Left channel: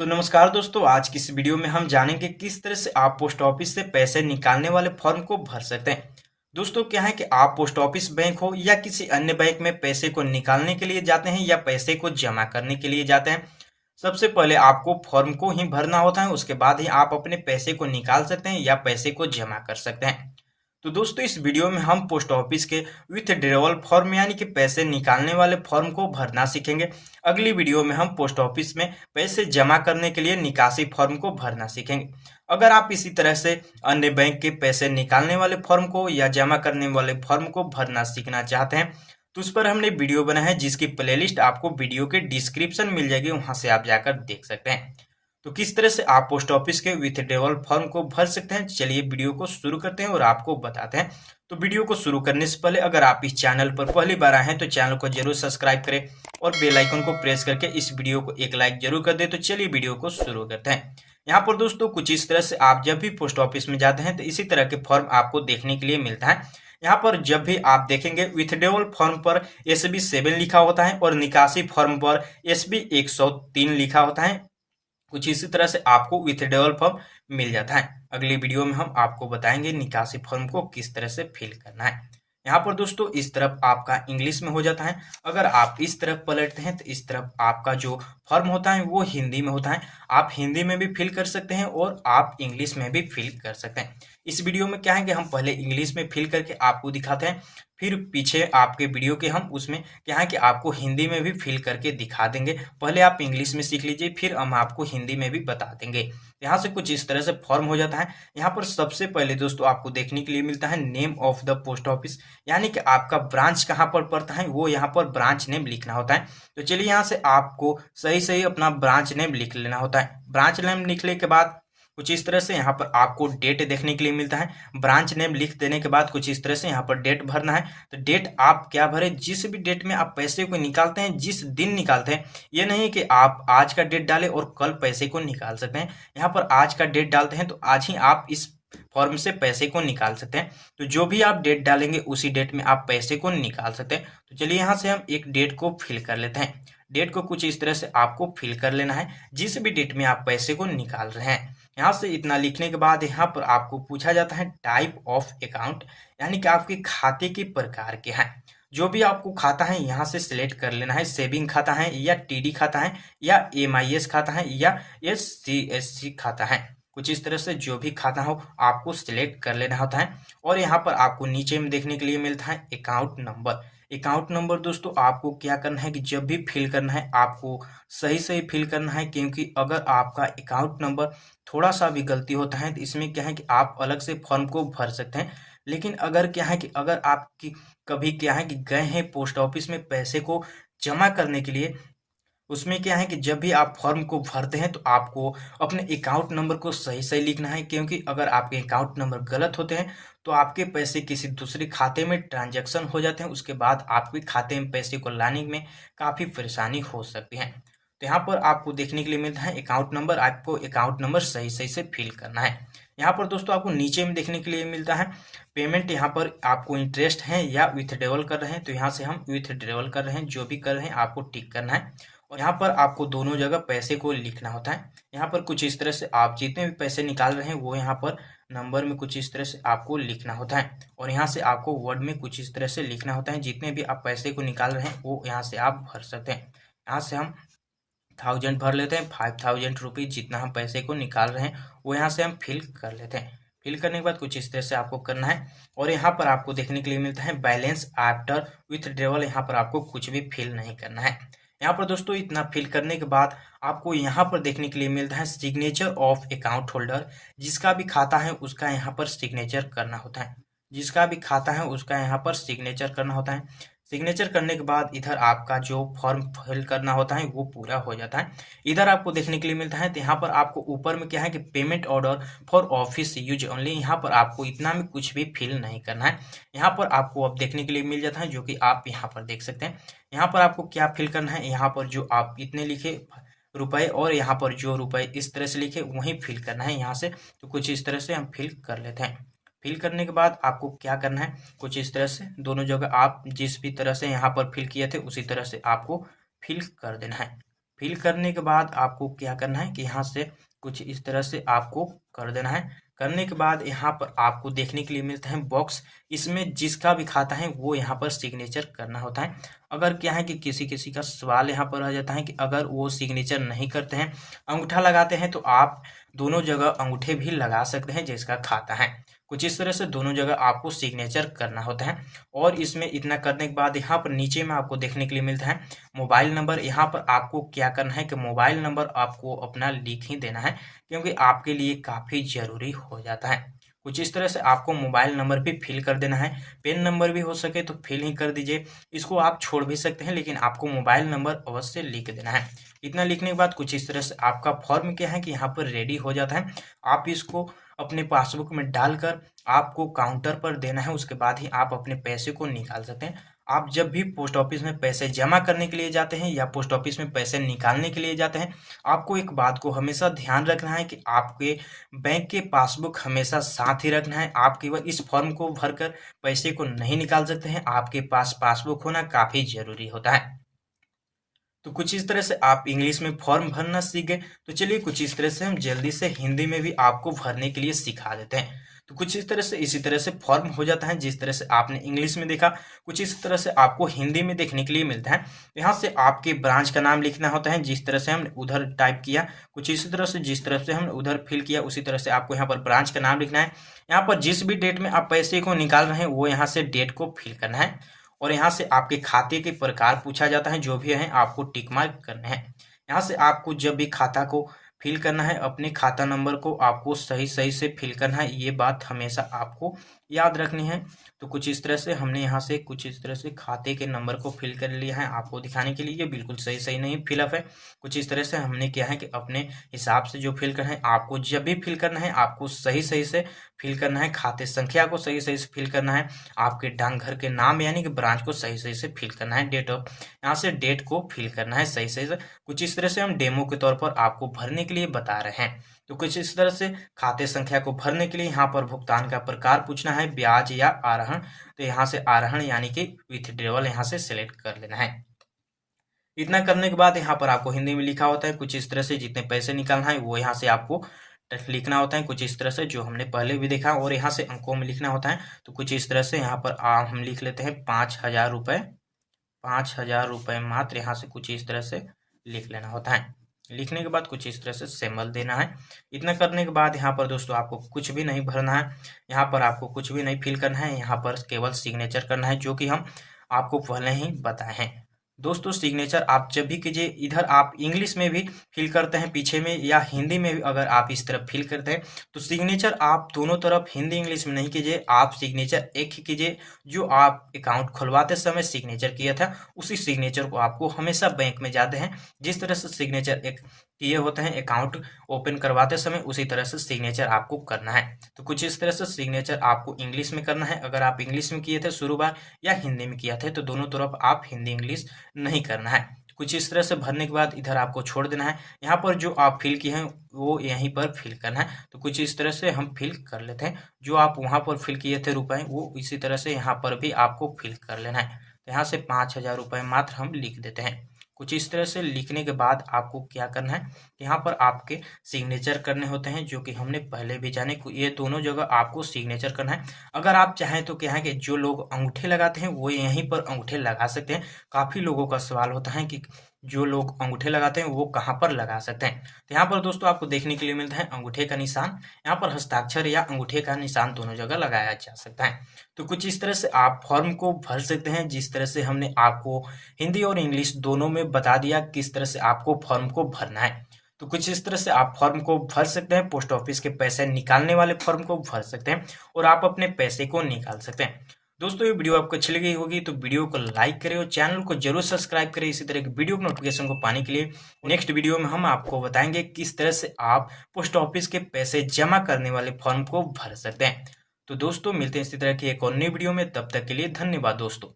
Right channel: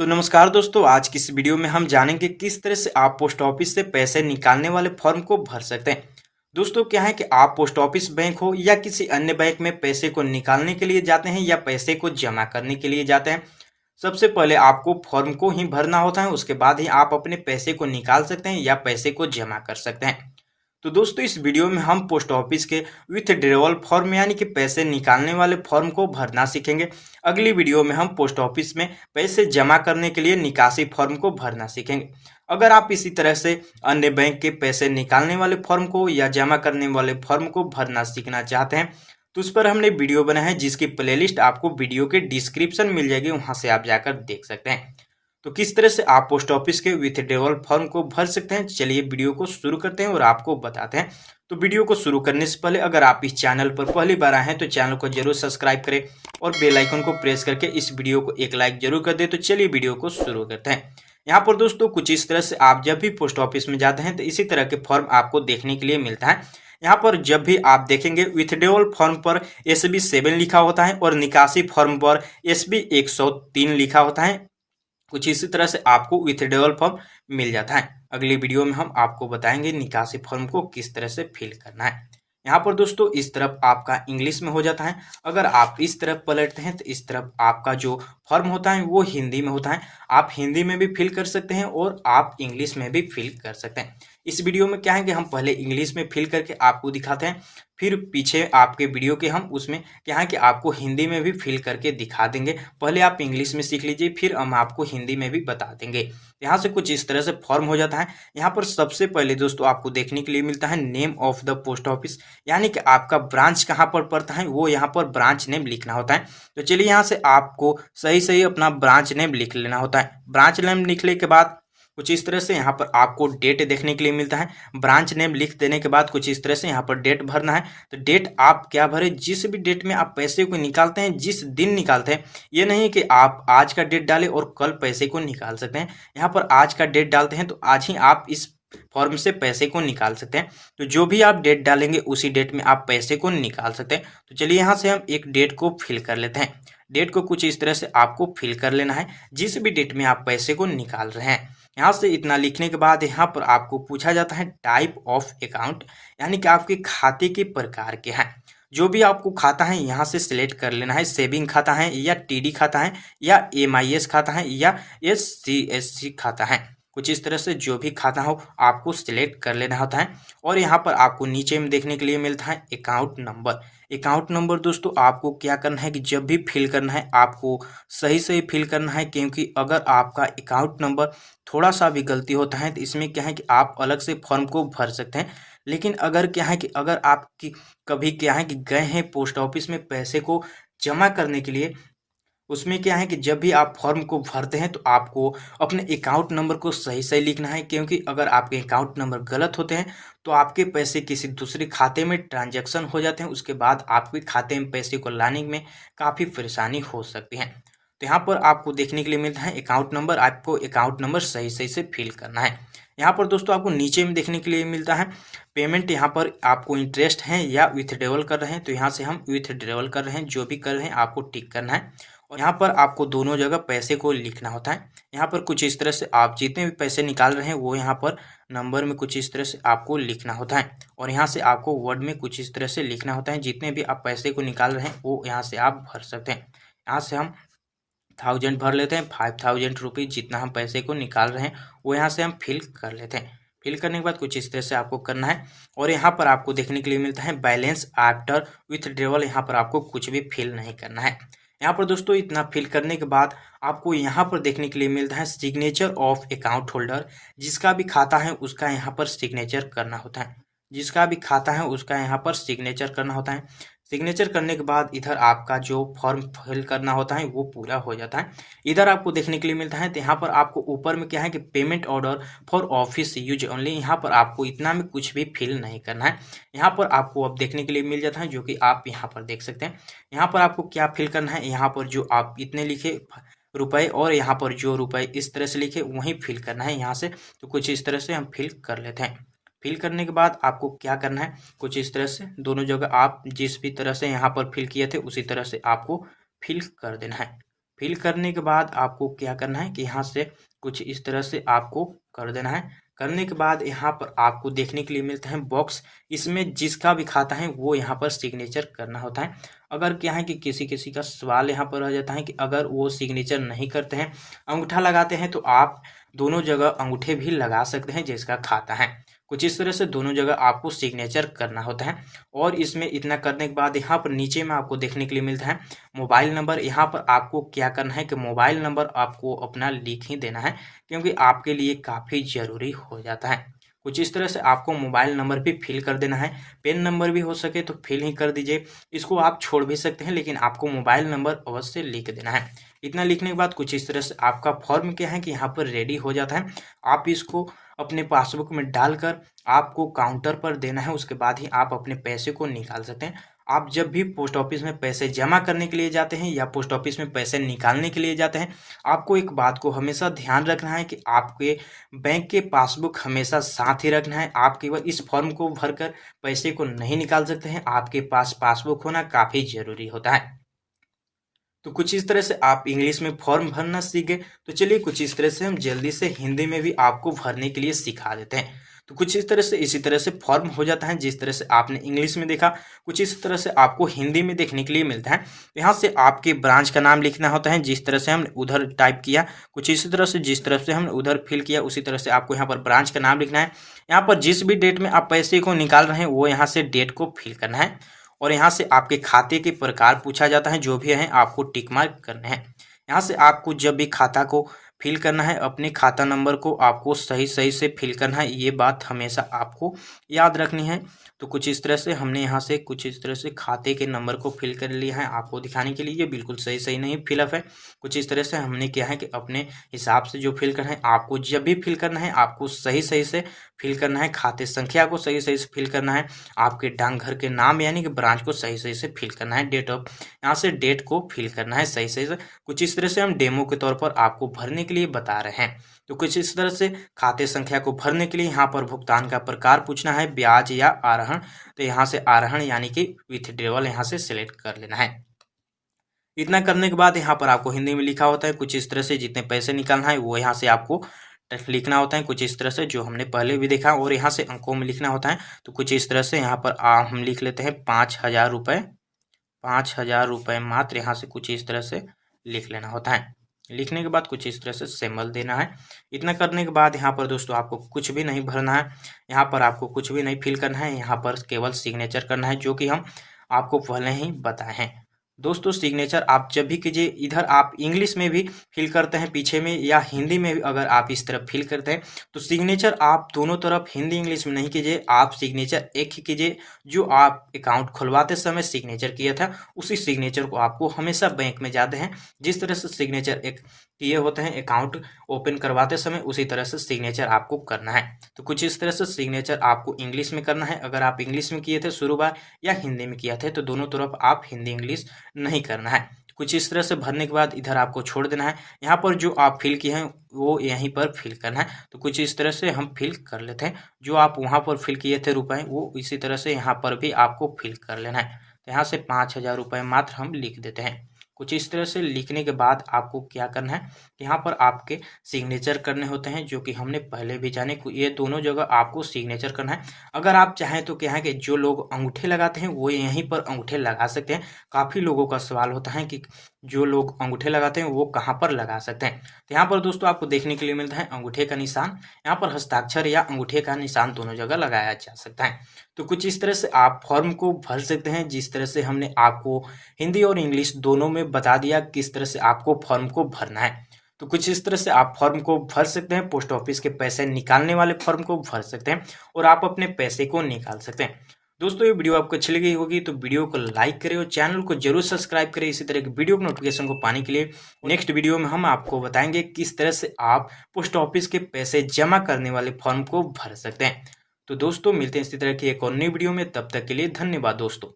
तो नमस्कार दोस्तों, आज की इस वीडियो में हम जानेंगे किस तरह से आप पोस्ट ऑफिस से पैसे निकालने वाले फॉर्म को भर सकते हैं। दोस्तों क्या है कि आप पोस्ट ऑफिस बैंक हो या किसी अन्य बैंक में पैसे को निकालने के लिए जाते हैं या पैसे को जमा करने के लिए जाते हैं। सबसे पहले आपको फॉर्म को ही भरना होता है, उसके बाद ही आप अपने पैसे को निकाल सकते हैं या पैसे को जमा कर सकते हैं। तो दोस्तों इस वीडियो में हम पोस्ट ऑफिस के विथड्रॉवल फॉर्म यानी कि पैसे निकालने वाले फॉर्म को भरना सीखेंगे। अगली वीडियो में हम पोस्ट ऑफिस में पैसे जमा करने के लिए निकासी फॉर्म को भरना सीखेंगे। अगर आप इसी तरह से अन्य बैंक के पैसे निकालने वाले फॉर्म को या जमा करने वाले फॉर्म को भरना सीखना चाहते हैं तो उस पर हमने वीडियो बनाया है, जिसकी प्लेलिस्ट आपको वीडियो के डिस्क्रिप्शन मिल जाएगी, वहां से आप जाकर देख सकते हैं। तो किस तरह से आप पोस्ट ऑफिस के विथड्रॉवल फॉर्म को भर सकते हैं, चलिए वीडियो को शुरू करते हैं और आपको बताते हैं। तो वीडियो को शुरू करने से पहले अगर आप इस चैनल पर पहली बार आए हैं तो चैनल को जरूर सब्सक्राइब करें और बेल आइकन को प्रेस करके इस वीडियो को एक लाइक जरूर कर दें। तो चलिए वीडियो को शुरू करते हैं। यहाँ पर दोस्तों कुछ इस तरह से आप जब भी पोस्ट ऑफिस में जाते हैं तो इसी तरह के फॉर्म आपको देखने के लिए मिलता है। यहाँ पर जब भी आप देखेंगे विथड्रॉवल फॉर्म पर SB7 लिखा होता है और निकासी फॉर्म पर SB103 लिखा होता है। कुछ इसी तरह से आपको विथड्रॉवल फॉर्म मिल जाता है। अगली वीडियो में हम आपको बताएंगे निकासी फॉर्म को किस तरह से फिल करना है। यहाँ पर दोस्तों इस तरफ आपका इंग्लिश में हो जाता है, अगर आप इस तरफ पलटते हैं तो इस तरफ आपका जो फॉर्म होता है वो हिंदी में होता है। आप हिंदी में भी फिल कर सकते हैं और आप इंग्लिश में भी फिल कर सकते हैं। इस वीडियो में क्या है कि हम पहले इंग्लिश में फिल करके आपको दिखाते हैं, फिर पीछे आपके वीडियो के हम उसमें क्या है कि आपको हिंदी में भी फिल करके दिखा देंगे। पहले आप इंग्लिश में सीख लीजिए, फिर हम आपको हिंदी में भी बता देंगे। यहाँ से कुछ इस तरह से फॉर्म हो जाता है। यहाँ पर सबसे पहले दोस्तों आपको देखने के लिए मिलता है name of the post office, यानी कि आपका ब्रांच कहाँ पर पड़ता है वो यहाँ पर ब्रांच नेम लिखना होता है। तो चलिए यहाँ से आपको सही सही अपना ब्रांच नेम लिख लेना होता है। ब्रांच नेम लिखने के बाद कुछ इस तरह से यहाँ पर आपको डेट देखने के लिए मिलता है। ब्रांच नेम लिख देने के बाद कुछ इस तरह से यहाँ पर डेट भरना है। तो डेट आप क्या भरें, जिस भी डेट में आप पैसे को निकालते हैं, जिस दिन निकालते हैं, ये नहीं कि आप आज का डेट डालें और कल पैसे को निकाल सकते हैं। यहाँ पर आज का डेट डालते हैं तो आज ही आप इस फॉर्म से पैसे को निकाल सकते हैं। तो जो भी आप डेट डालेंगे उसी डेट में आप पैसे को निकाल सकते हैं। तो चलिए यहाँ से हम एक डेट को फिल कर लेते हैं। डेट को कुछ इस तरह से आपको फिल कर लेना है, जिस भी डेट में आप पैसे को निकाल रहे हैं। यहाँ से इतना लिखने के बाद यहाँ पर आपको पूछा जाता है टाइप ऑफ अकाउंट, यानी कि आपके खाते के प्रकार के हैं। जो भी आपको खाता है यहाँ से सिलेक्ट कर लेना है। सेविंग खाता है या TD खाता है या MIS खाता है या SCSC खाता है। कुछ इस तरह से जो भी खाता हो आपको सिलेक्ट कर लेना होता है। और यहाँ पर आपको नीचे में देखने के लिए मिलता है अकाउंट नंबर। अकाउंट नंबर दोस्तों आपको क्या करना है कि जब भी फिल करना है आपको सही सही फिल करना है, क्योंकि अगर आपका अकाउंट नंबर थोड़ा सा भी गलती होता है तो इसमें क्या है कि आप अलग से फॉर्म को भर सकते हैं। लेकिन अगर क्या है कि अगर आपकी कभी क्या है कि गए हैं पोस्ट ऑफिस में पैसे को जमा करने के लिए, उसमें क्या है कि जब भी आप फॉर्म को भरते हैं तो आपको अपने अकाउंट नंबर को सही सही लिखना है, क्योंकि अगर आपके अकाउंट नंबर गलत होते हैं तो आपके पैसे किसी दूसरे खाते में ट्रांजैक्शन हो जाते हैं, उसके बाद आपके खाते में पैसे को लाने में काफ़ी परेशानी हो सकती है। तो यहाँ पर आपको देखने के लिए मिलता है अकाउंट नंबर, आपको अकाउंट नंबर सही सही से फिल करना है। यहाँ पर दोस्तों आपको नीचे में देखने के लिए मिलता है पेमेंट, यहाँ पर आपको इंटरेस्ट है या विथड्रॉवल कर रहे हैं, तो यहाँ से हम विथड्रॉवल कर रहे हैं, जो भी कर रहे हैं आपको टिक करना है। और यहाँ पर आपको दोनों जगह पैसे को लिखना होता है। यहाँ पर कुछ इस तरह से आप जितने भी पैसे निकाल रहे हैं वो यहाँ पर नंबर में कुछ इस तरह से आपको लिखना होता है। और यहाँ से आपको वर्ड में कुछ इस तरह से लिखना होता है। जितने भी आप पैसे को निकाल रहे हैं वो यहाँ से आप भर सकते हैं। यहाँ से हम 1000 भर लेते हैं, 5000 रुपीज़ जितना हम पैसे को निकाल रहे हैं वो यहाँ से हम फिल कर लेते हैं। फिल करने के बाद कुछ इस तरह से आपको करना है। और यहाँ पर आपको देखने के लिए मिलता है बैलेंस आफ्टर विथड्रॉवल, यहाँ पर आपको कुछ भी फिल नहीं करना है। यहाँ पर दोस्तों इतना फिल करने के बाद आपको यहाँ पर देखने के लिए मिलता है सिग्नेचर ऑफ अकाउंट होल्डर। जिसका भी खाता है उसका यहाँ पर सिग्नेचर करना होता है। जिसका भी खाता है उसका यहाँ पर सिग्नेचर करना होता है। सिग्नेचर करने के बाद इधर आपका जो फॉर्म फिल करना होता है वो पूरा हो जाता है। इधर आपको देखने के लिए मिलता है, तो यहाँ पर आपको ऊपर में क्या है कि payment order for office use only, यहाँ पर आपको इतना में कुछ भी फिल नहीं करना है। यहाँ पर आपको अब देखने के लिए मिल जाता है, जो कि आप यहाँ पर देख सकते हैं। यहाँ पर आपको क्या फिल करना है, यहाँ पर जो आप इतने लिखे रुपए और यहाँ पर जो रुपए इस तरह से लिखे वहीं फिल करना है यहाँ से। तो कुछ इस तरह से हम फिल कर लेते हैं। फिल करने के बाद आपको क्या करना है, कुछ इस तरह से दोनों जगह आप जिस भी तरह से यहाँ पर फिल किए थे उसी तरह से आपको फिल कर देना है। फिल करने के बाद आपको क्या करना है कि यहाँ से कुछ इस तरह से आपको कर देना है। करने के बाद यहाँ पर आपको देखने के लिए मिलता है बॉक्स। इसमें जिसका भी खाता है वो यहाँ पर सिग्नेचर करना होता है। अगर क्या है कि किसी किसी का सवाल यहाँ पर आ जाता है कि अगर वो सिग्नेचर नहीं करते हैं, अंगूठा लगाते हैं, तो आप दोनों जगह अंगूठे भी लगा सकते हैं जिसका खाता है। कुछ इस तरह से दोनों जगह आपको सिग्नेचर करना होता है। और इसमें इतना करने के बाद यहाँ पर नीचे में आपको देखने के लिए मिलता है मोबाइल नंबर। यहाँ पर आपको क्या करना है कि मोबाइल नंबर आपको अपना लिख ही देना है, क्योंकि आपके लिए काफ़ी ज़रूरी हो जाता है। कुछ इस तरह से आपको मोबाइल नंबर भी फिल कर देना है। पेन नंबर भी हो सके तो फिल ही कर दीजिए। इसको आप छोड़ भी सकते हैं, लेकिन आपको मोबाइल नंबर अवश्य लिख देना है। इतना लिखने के बाद कुछ इस तरह से आपका फॉर्म क्या है कि यहाँ पर रेडी हो जाता है। आप इसको अपने पासबुक में डालकर आपको काउंटर पर देना है। उसके बाद ही आप अपने पैसे को निकाल सकते हैं। आप जब भी पोस्ट ऑफिस में पैसे जमा करने के लिए जाते हैं या पोस्ट ऑफिस में पैसे निकालने के लिए जाते हैं, आपको एक बात को हमेशा ध्यान रखना है कि आपके बैंक के पासबुक हमेशा साथ ही रखना है। आप केवल इस फॉर्म को भरकर पैसे को नहीं निकाल सकते हैं, आपके पास पासबुक होना काफ़ी ज़रूरी होता है। तो कुछ इस तरह से आप इंग्लिश में फॉर्म भरना सीख गए। तो चलिए कुछ इस तरह से हम जल्दी से हिंदी में भी आपको भरने के लिए सिखा देते हैं। तो कुछ इस तरह से इसी तरह से फॉर्म हो जाता है। जिस तरह से आपने इंग्लिश में देखा, कुछ इस तरह से आपको हिंदी में देखने के लिए मिलता है। यहाँ से आपके ब्रांच का नाम लिखना होता है। जिस तरह से हमने उधर टाइप किया, कुछ इसी तरह से जिस तरह से हमने उधर फिल किया, उसी तरह से आपको यहाँ पर ब्रांच का नाम लिखना है। यहाँ पर जिस भी डेट में आप पैसे को निकाल रहे हैं वो यहाँ से डेट को फिल करना है। और यहाँ से आपके खाते के प्रकार पूछा जाता है, जो भी है आपको टिक मार्क करने हैं। यहाँ से आपको जब भी खाता को फिल करना है, अपने खाता नंबर को आपको सही सही से फिल करना है। ये बात हमेशा आपको याद रखनी है। तो कुछ इस तरह से हमने यहाँ से कुछ इस तरह से खाते के नंबर को फिल कर लिया है आपको दिखाने के लिए। ये बिल्कुल सही सही नहीं फिलअप है। कुछ इस तरह से हमने क्या है कि अपने हिसाब से जो फिल करना है, आपको जब भी फिल करना है आपको सही सही से फिल करना है। खाते संख्या को सही सही से फिल करना है। आपके डाकघर के नाम यानी कि ब्रांच को सही सही से फिल करना है। डेट ऑफ, यहाँ से डेट को फिल करना है सही सही से। कुछ इस तरह से हम डेमो के तौर पर आपको भरने के लिए बता रहे हैं। तो कुछ इस तरह से खाते संख्या को भरने के लिए यहाँ पर भुगतान का प्रकार पूछना है, ब्याज या आरोहण। तो यहाँ से आरोहण यानी कि विथड्रॉवल यहाँ से सिलेक्ट कर लेना है। इतना करने के बाद यहाँ पर आपको हिंदी में लिखा होता है कुछ इस तरह से जितने पैसे निकालना है वो यहाँ से आपको लिखना होता है कुछ इस तरह से, जो हमने पहले भी देखा। और यहाँ से अंकों में लिखना होता है। तो कुछ इस तरह से यहाँ पर हम लिख लेते हैं 5,000 रुपये, 5,000 रुपये मात्र। यहाँ से कुछ इस तरह से लिख लेना होता है। लिखने के बाद कुछ इस तरह से सिंबल देना है। इतना करने के बाद यहाँ पर दोस्तों आपको कुछ भी नहीं भरना है। यहाँ पर आपको कुछ भी नहीं फिल करना है। यहाँ पर केवल सिग्नेचर करना है, जो कि हम आपको पहले ही बताए हैं। दोस्तों सिग्नेचर आप जब भी कीजिए, इधर आप इंग्लिश में भी फिल करते हैं पीछे में, या हिंदी में भी अगर आप इस तरफ फिल करते हैं, तो सिग्नेचर आप दोनों तरफ हिंदी इंग्लिश में नहीं कीजिए। आप सिग्नेचर एक ही कीजिए। जो आप अकाउंट खुलवाते समय सिग्नेचर किया था, उसी सिग्नेचर को आपको हमेशा बैंक में जाते हैं जिस तरह से सिग्नेचर एक किए होते हैं अकाउंट ओपन करवाते समय, उसी तरह से सिग्नेचर आपको करना है। तो कुछ इस तरह से सिग्नेचर आपको इंग्लिश में करना है। अगर आप इंग्लिश में किए थे शुरू बार या हिंदी में किया थे, तो दोनों तरफ आप हिंदी इंग्लिश नहीं करना है। कुछ इस तरह से भरने के बाद इधर आपको छोड़ देना है। यहाँ पर जो आप फिल किए हैं वो यहीं पर फिल करना है। तो कुछ इस तरह से हम फिल कर लेते हैं। जो आप वहाँ पर फिल किए थे रुपए, वो इसी तरह से यहाँ पर भी आपको फिल कर लेना है। तो यहाँ से 5,000 रुपये मात्र हम लिख देते हैं। कुछ इस तरह से लिखने के बाद आपको क्या करना है, यहाँ पर आपके सिग्नेचर करने होते हैं, जो कि हमने पहले भी जाने। ये दोनों जगह आपको सिग्नेचर करना है। अगर आप चाहें तो क्या है कि जो लोग अंगूठे लगाते हैं वो यहीं पर अंगूठे लगा सकते हैं। काफ़ी लोगों का सवाल होता है कि जो लोग अंगूठे लगाते हैं वो कहाँ पर लगा सकते हैं। तो यहाँ पर दोस्तों आपको देखने के लिए मिलता है अंगूठे का निशान। यहाँ पर हस्ताक्षर या अंगूठे का निशान दोनों जगह लगाया जा सकता है। तो कुछ इस तरह से आप फॉर्म को भर सकते हैं, जिस तरह से हमने आपको हिंदी और इंग्लिश दोनों में बता दिया किस तरह से आपको फॉर्म को भरना है। तो कुछ इस तरह से आप फॉर्म को भर सकते हैं। पोस्ट ऑफिस के पैसे निकालने वाले फॉर्म को भर सकते हैं और आप अपने पैसे को निकाल सकते हैं। दोस्तों ये वीडियो आपको अच्छी लगी होगी तो वीडियो को लाइक करें और चैनल को जरूर सब्सक्राइब करें। इसी तरह की वीडियो की नोटिफिकेशन को पाने के लिए नेक्स्ट वीडियो में हम आपको बताएंगे किस तरह से आप पोस्ट ऑफिस के पैसे जमा करने वाले फॉर्म को भर सकते हैं। तो दोस्तों मिलते हैं इसी तरह की एक और नई वीडियो में, तब तक के लिए धन्यवाद दोस्तों।